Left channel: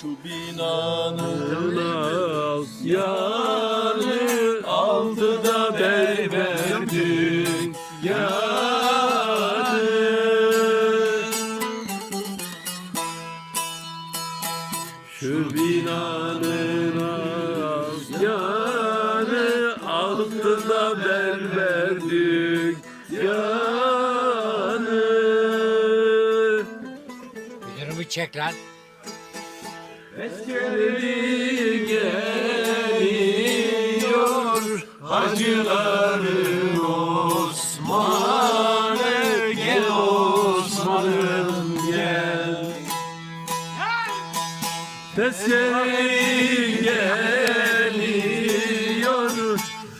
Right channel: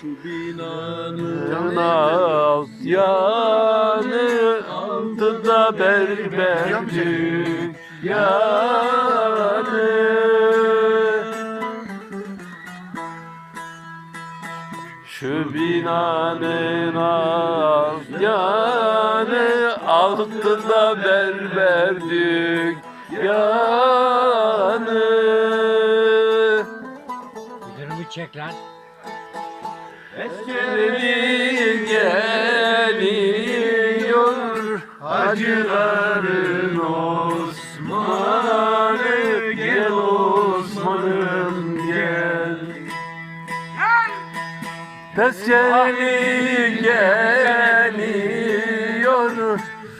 Şu binanın Naz yanı altıda berber dükkanı Şu binanın az yanı altıda berber dükkanı Müdürümü çek lan. Geri geliyor hacıların Osman'ı Gel Osman'ım gel Tezkereli geliyor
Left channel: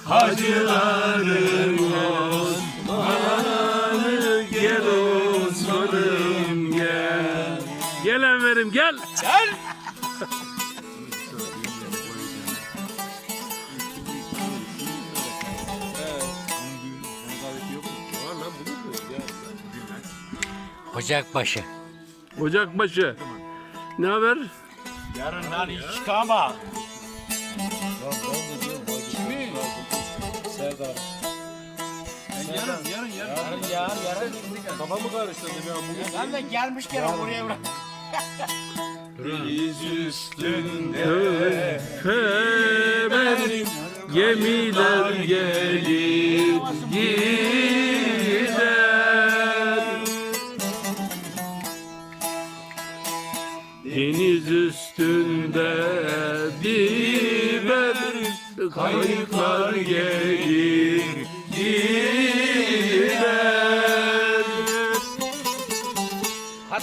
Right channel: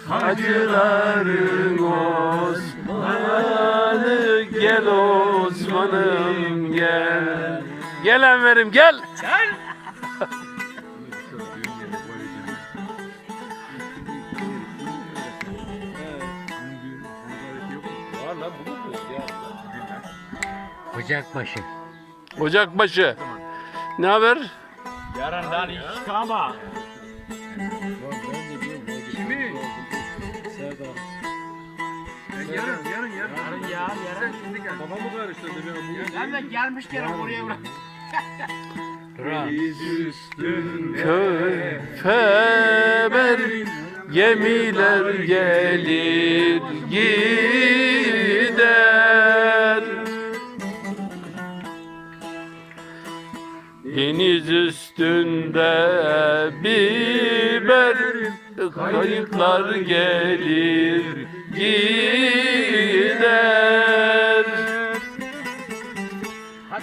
hacıların Osman'ı Gel Osman'ım gel Gel Enver'im gel var Ocakbaşı. Ocakbaşı. Ne haber? Yarından hiç çıkama. Kimi? Serdar. Yarın, yarın, yarın. Yarın yarın yarın. Kafamı karıştırdı. Ben de gelmişken oraya bırak. Deniz üstünde Köfeber gemiler gelir gider. Deniz üstünde biber kayıklar gelir gider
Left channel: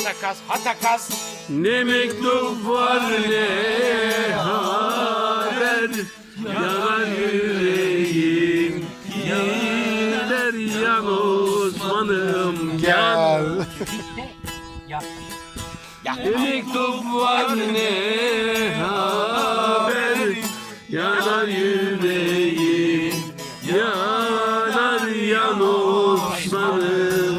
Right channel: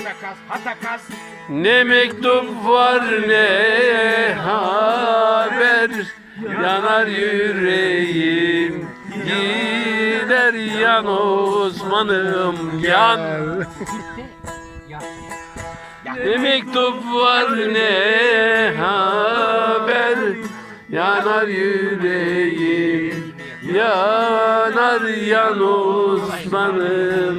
Hatakas hatakas. Ne mektup var ne haber Yanar yüreğim Gider yan Osman'ım yan Ya. Ne mektup var ne haber Yanar yüreğim Yanar yan Osman'ım